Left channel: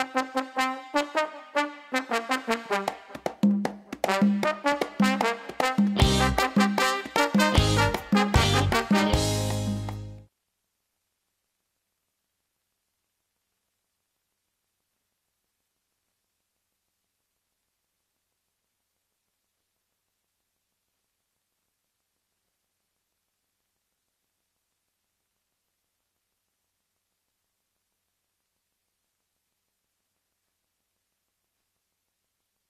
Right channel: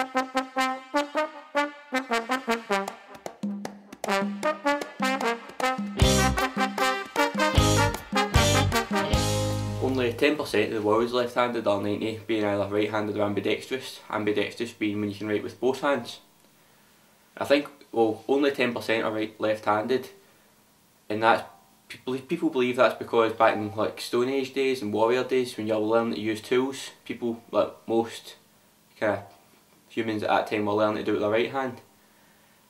Only 10% of the world is left-handed, or 90% being either right-handed or ambidextrous. Ambidextrous being when you can write with both hands. I think, well, only 10% are left-handed, and that's people believe that's because back in like Stone Age days and warrior days, when you were learning to use tools, people, like most kind of humans at that time, were learning to do it with their right hand.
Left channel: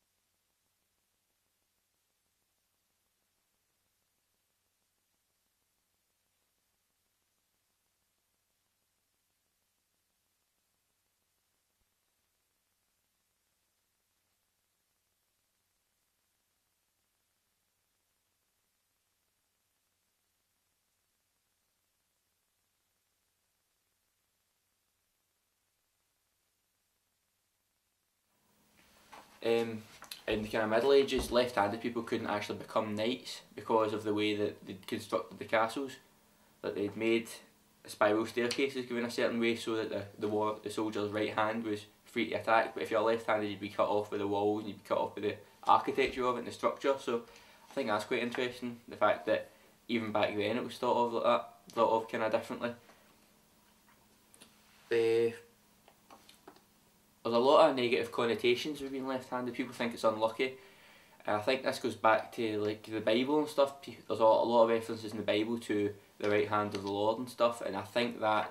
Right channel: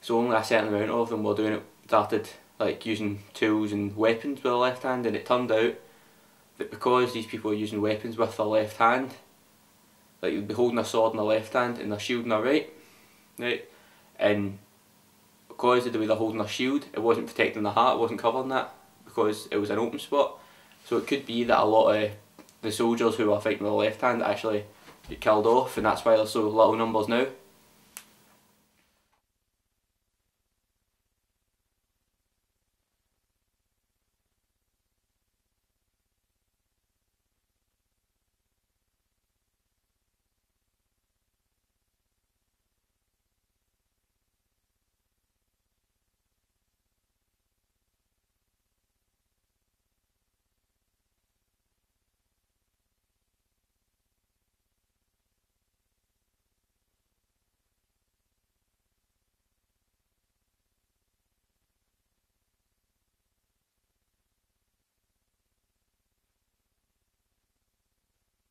So only a certain amount of them were doing it, started like using tools and weapons with their left hand, and it turned out that because these people are using weapons with their left hand, like you'd be holding a sword in their left hand and their shield in their right, and because of the way they're holding their shield, it wasn't protecting the heart, it wasn't covering that, because it was an open spot. So it could be that a lot of the soldiers who were fighting with their left hand actually get killed off, and that's why there's so little numbers now. In the kind of Middle Ages, left-handed people couldn't actually become knights because of the way that they'd constructed the castles. That they'd made spiral staircases going a certain way so that the soldier's right hand was free to attack, but if you're left-handed you'd be cut off by the walls, and you'd be cut off by the architecture of it and the structure. So I think that's quite interesting, the fact that even back then it was thought of like that, thought of kind of differently. There's a lot of negative connotations with being left-handed. People think it's unlucky, and I think this goes back to like the Bible and stuff. There's a lot of references in the Bible to the right hand of the Lord and stuff, and I think that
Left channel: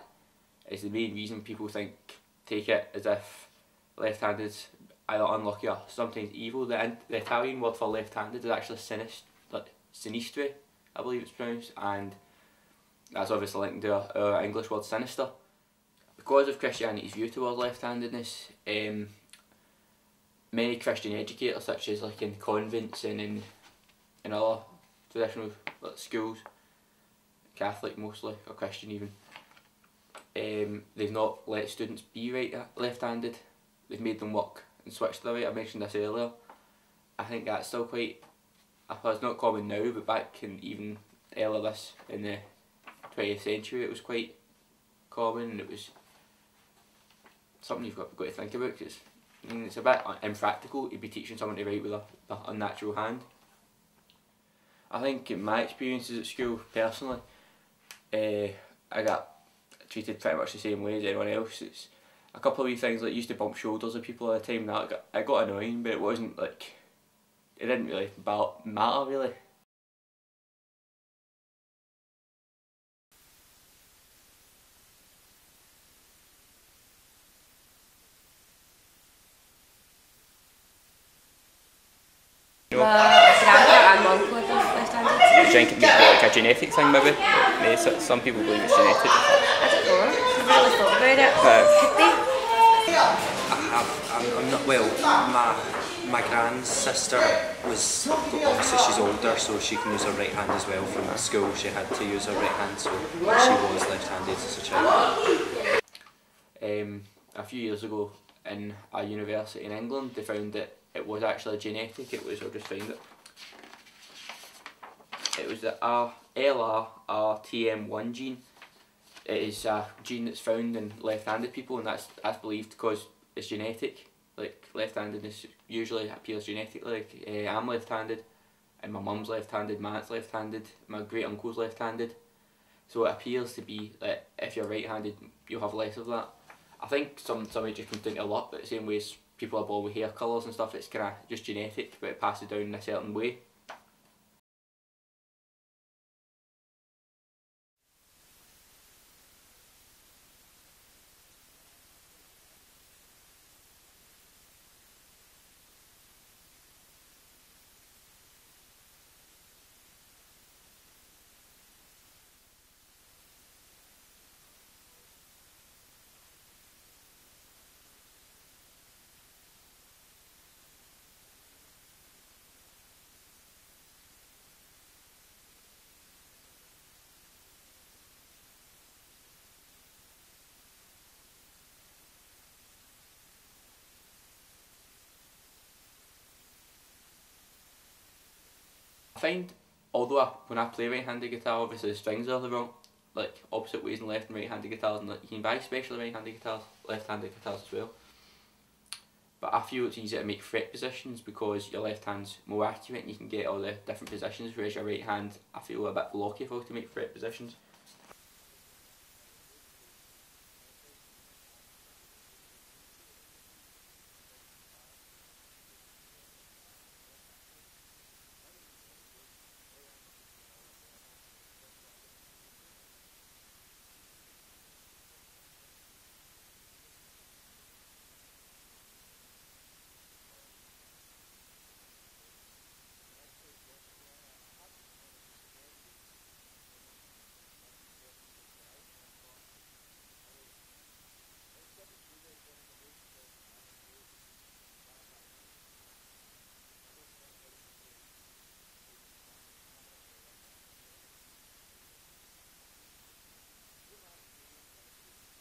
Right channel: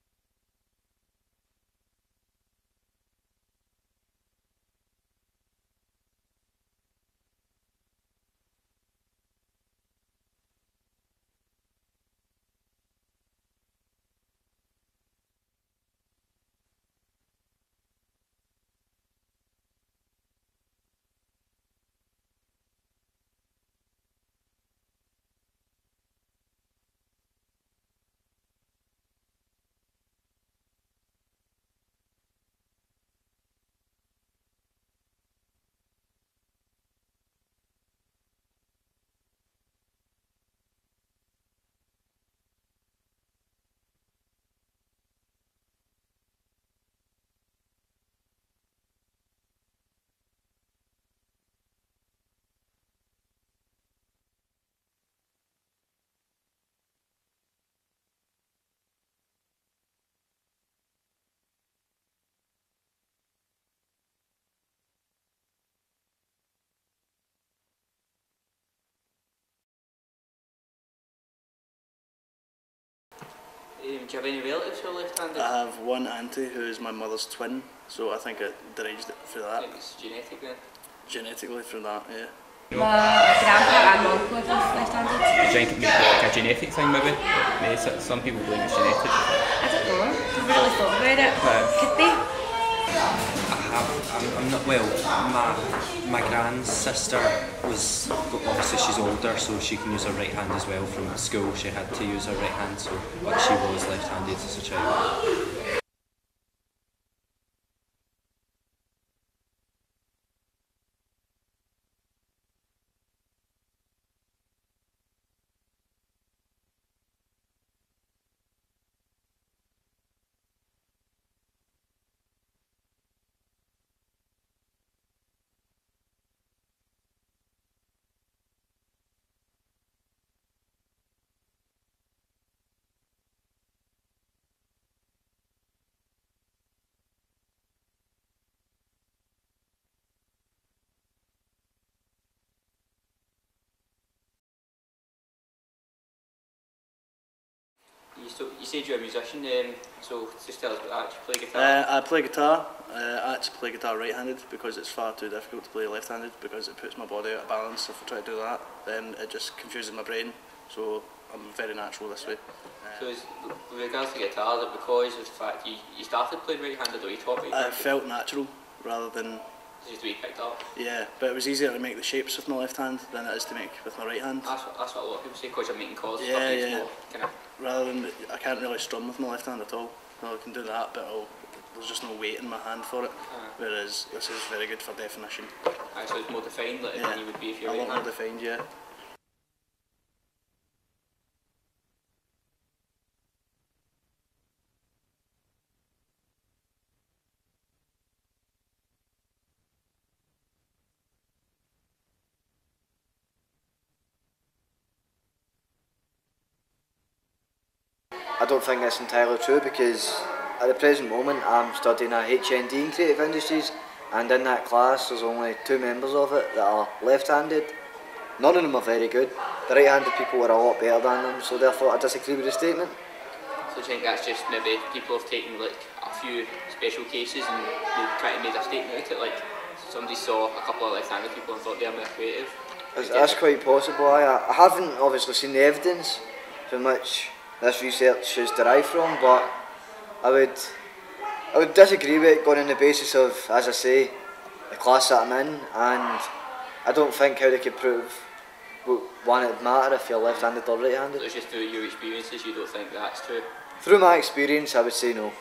is the main reason people take it as if left-handed is either unlucky or sometimes evil. The Italian word for left-handed is actually sinistre, I believe it's pronounced, and that's obviously linked to our English word sinister. Because of Christianity's view towards left-handedness, many Christian educators, such as like in convents and in other traditional schools, Catholic mostly, or Christian even, they've not let students be left-handed. They've made them work and switch to the right. I mentioned this earlier. I think that's still quite, it's not common now, but back in even earlier in the 20th century it was quite common, and it was something you've got to think about, because it's a bit impractical to be teaching someone to write with a unnatural hand. I think in my experiences at school, personally, I got treated pretty much the same way as anyone else. It's a couple of wee things, like used to bump shoulders with people at the time, that I got annoying, but it wasn't like, it didn't really matter really. Do you have any relatives who are left-handed? I have one auntie who is my mother's twin, so I think it derived it through that. I think it's genetic then? Genetically through that, yeah. My grandpa and uncle are both left-handed. Do you think it may be like a genetic thing maybe? Some people believe it's genetic. I don't know, I've really thought about it. Could be. I'm not, well, my grand's sister was, obviously she's older, so she can use her right hand as well. From school she had to use her right hand, so but she was left-handed as a child. A few years ago in a university in England, they found that it was actually genetic. It was, I'll just find it. It was the LRRTM1 gene. It is a gene that's found in left-handed people, and that's believed because it's genetic. Like left-handedness usually appears genetically. Like I'm left-handed, and my mum's left-handed, my aunt's left-handed, my great uncle's left-handed. So it appears to be that if you're right-handed, you'll have less of that. I think some of it just comes down to luck, but the same way as people are born with hair colours and stuff, it's kind of just genetic, but it passes down in a certain way. You said you're a musician, so just tell us about that. You play guitar? I play guitar. I actually play guitar right-handed because it's far too difficult to play left-handed, because it puts my body out of balance. If I try to do that, then it just confuses my brain, so I'm very natural this way. So with regards to guitar, is it because of the fact you started playing right-handed, or you taught right-handed? It felt natural rather than... Just to be picked up? Yeah, but it was easier to make the shapes with my left hand than it is to make with my right hand. That's what a lot of people say, because you're making chords and Yeah, stuff, yeah. more kind of... Rather than, I can't really strum with my left hand at all. Well, I can do that, but there's just no weight in my hand for it. Whereas this is very good for definition. So it's more defined than you would be if you're a lot right-handed? more defined, yeah. I find, although when I play right-handed guitar, obviously the strings are the wrong, like opposite ways in left and right-handed guitars, and like, you can buy specially right-handed guitars, left-handed guitars as well. feel it's easier to make threat positions because your left hand's more accurate and you can get all the different positions, whereas your right hand, I feel a bit blocky if I was to make threat positions. I don't think that's entirely true because at the present moment I'm studying a HND in Creative Industries, and in that class there's only 2 members of it that are left-handed. None of them are very good. The right-handed people are a lot better than them, so therefore I disagree with the statement. So I think that's just maybe people have taken like a few special cases and they try to make a statement out of it, like somebody saw a couple of left-handed people and thought they're more creative. That's quite possible. I haven't obviously seen the evidence from which this research is derived from, but I would disagree with it going on the basis of, as I say, the class that I'm in, and I don't think how they could prove one it would matter if you're left-handed or right-handed. So it's just through your experiences you don't think that's true? Through my experience I would say no.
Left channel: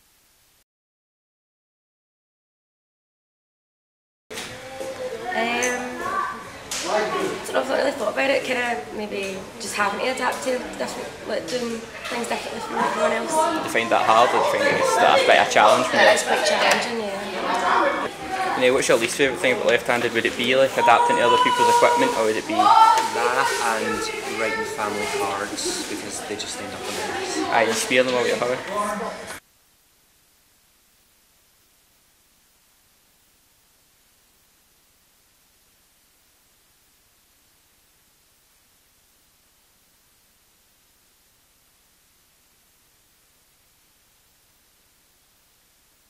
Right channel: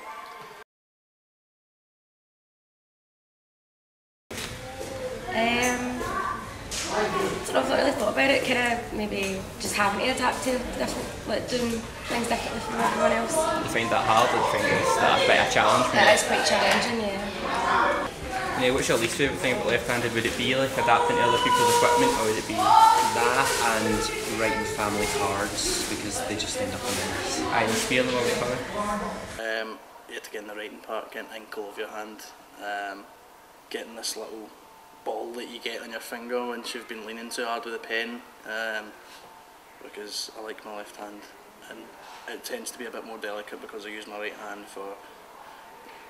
So I've not really thought about it, kind of maybe just having to adapt to different, like doing things differently from everyone else. Do you find that hard, or do you think that's quite a challenge? That is quite challenging, yeah. Yeah, what's your least favourite thing about left-handed? Would it be like adapting to other people's equipment, or would it be That and writing family cards because they just end up a mess. you spear them all get hurry? You have to get in the writing part, getting ink all over your hand, getting this little ball that you get on your finger once you've been leaning too hard with a pen, because I like my left hand and it tends to be a bit more delicate because I use my right hand for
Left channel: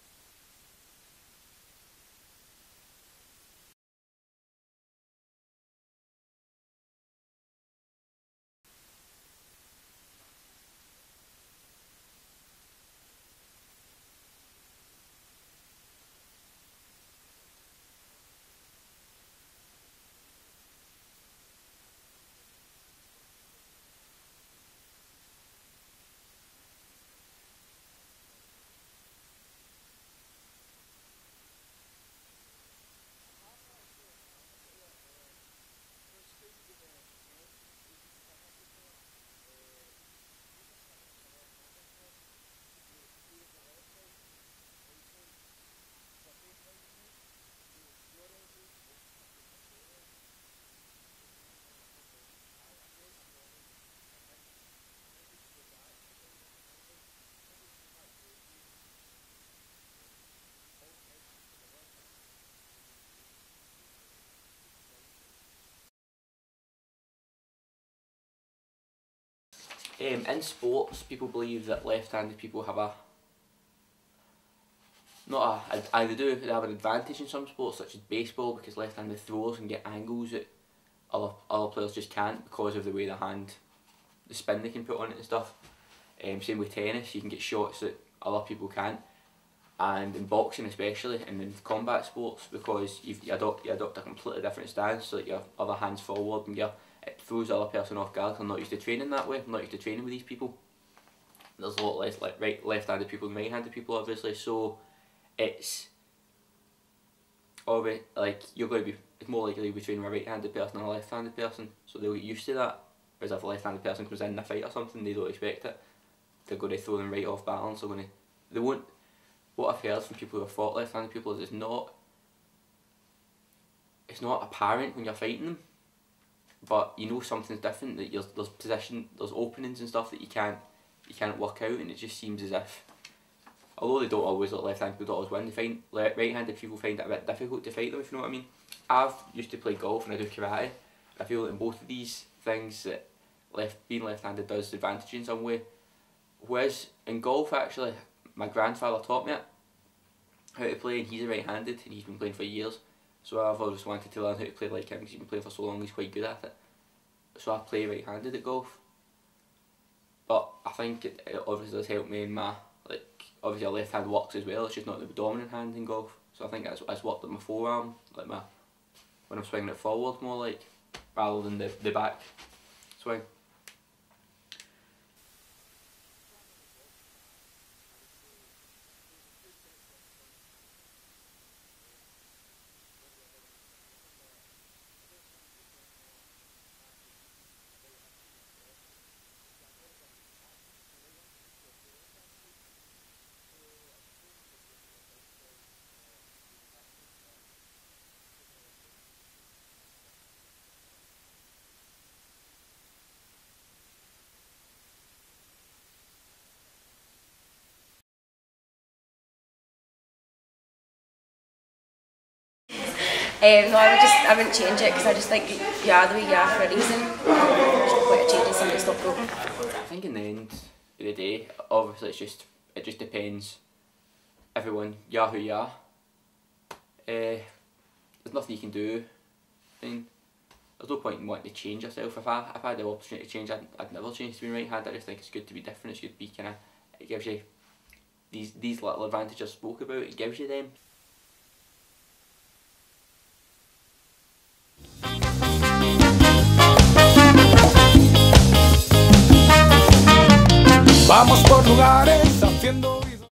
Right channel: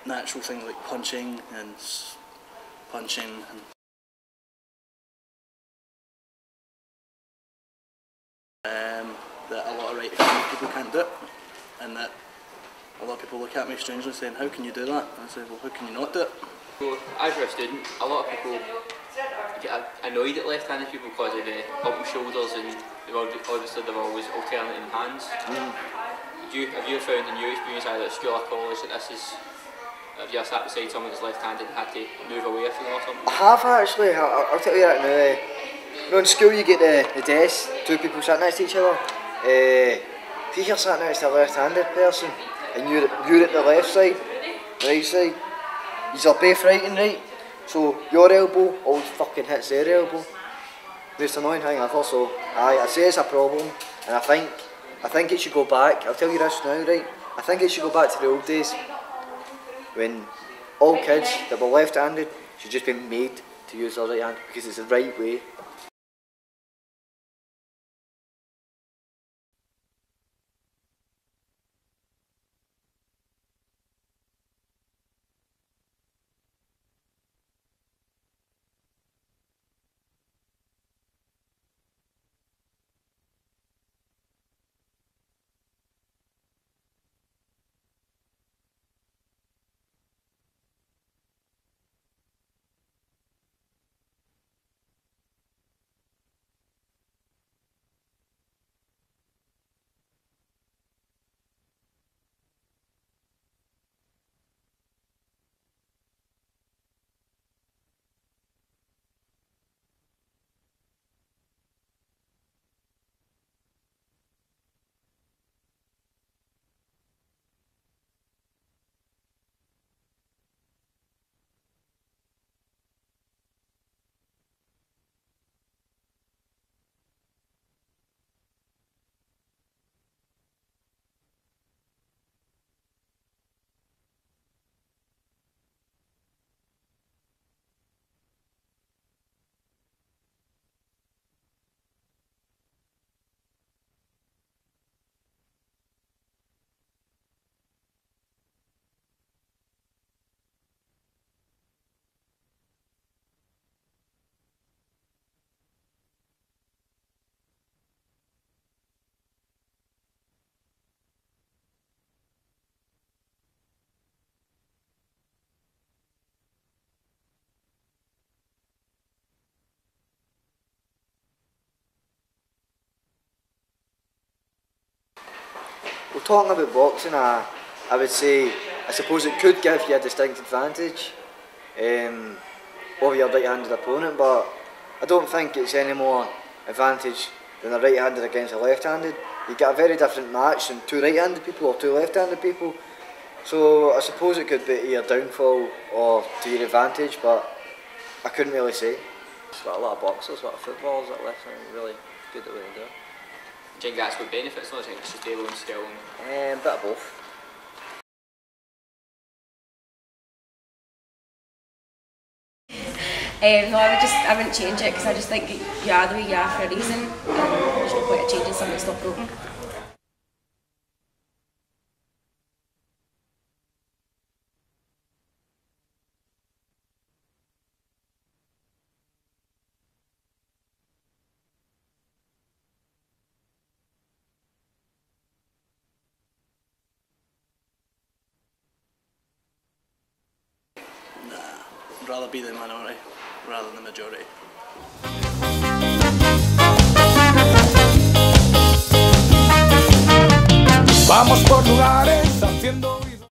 natural things like punching and that a lot of right-handed people can't do it, and that a lot of people look at me strangely saying, how can you do that? And I say, well, how can you not do it? So, as you're a student, a lot of people get annoyed at left-handed people because of the bump shoulders and obviously they're always alternating hands. Have you found in your experience either at school or college that this is, have you sat beside someone who's left-handed and had to move away from them or something? I have actually. I'll tell you that now. You know, in school you get the desk, 2 people sat next to each other. If you're sat next to a left-handed person and you're at the left side, right side, you're both right and right, so your elbow always fucking hits their elbow. Most annoying thing ever, so I say it's a problem, and I think it should go back. I'll tell you this now, right? I think it should go back to the old days when all kids that were left-handed should just be made to use their right hand because it's the right way. In sports, people believe that left-handed people have they have an advantage in some sports, such as baseball, because left-handed throwers can get angles that other players just can't because of the way the spin they can put on it and stuff. Same with tennis, you can get shots that other people can't, and in boxing especially, and in combat sports, because you adopt a completely different stance, so that your other hand's forward and it throws the other person off guard. I'm not used to training that way. I'm not used to training with these people. There's a lot less left-handed people than right-handed people, obviously. So it's always like it's more likely to be training with a right-handed person than a left-handed person. So they'll get used to that. Whereas if a left-handed person comes in a fight or something, they don't expect it. They're going to throw them right off balance. They won't. What I've heard from people who have fought left-handed people is it's not apparent when you're fighting them. But you know something's different, that there's openings and stuff that you can't work out, and it just seems as if, although they don't always let left-handed people don't always win, right-handed people find it a bit difficult to fight them, if you know what I mean. I've used to play golf and I do karate. I feel that in both of these things that being left-handed does advantage in some way. Whereas in golf, actually, my grandfather taught me it, how to play, and he's a right-handed and he's been playing for years. So I've always wanted to learn how to play like him because he's been playing for so long, he's quite good at it. So I play right-handed at golf. But I think it obviously does help me in my, obviously a left hand works as well, it's just not the dominant hand in golf. So I think that's worked at my forearm, when I'm swinging it forward more rather than the back swing. Well, talking about boxing, I would say, I suppose it could give you a distinct advantage over your right-handed opponent, but I don't think it's any more advantage than a right-handed against a left-handed. You get a very different match than 2 right-handed people or 2 left-handed people. So I suppose it could be to your downfall or to your advantage, but I couldn't really say. There's got a lot of boxers, a lot of footballers that left-handed, really good at what they do. Do you think that's what benefits? Not just stable and skill. Bit of both. No, I wouldn't change it because I just think you are the way you are for a reason. There's no point of changing something that's not broken. I think in the end of the day, obviously it just depends. Everyone, you are who you are. There's nothing you can do. I mean, there's no point in wanting to change yourself. If I had the opportunity to change, I'd never change to be right-handed. I just think it's good to be different. It's good to be kind of. It gives you these little advantages I spoke about. It gives you them. Nah, I'd rather be the minority rather than the majority. Vamos por lugares haciendo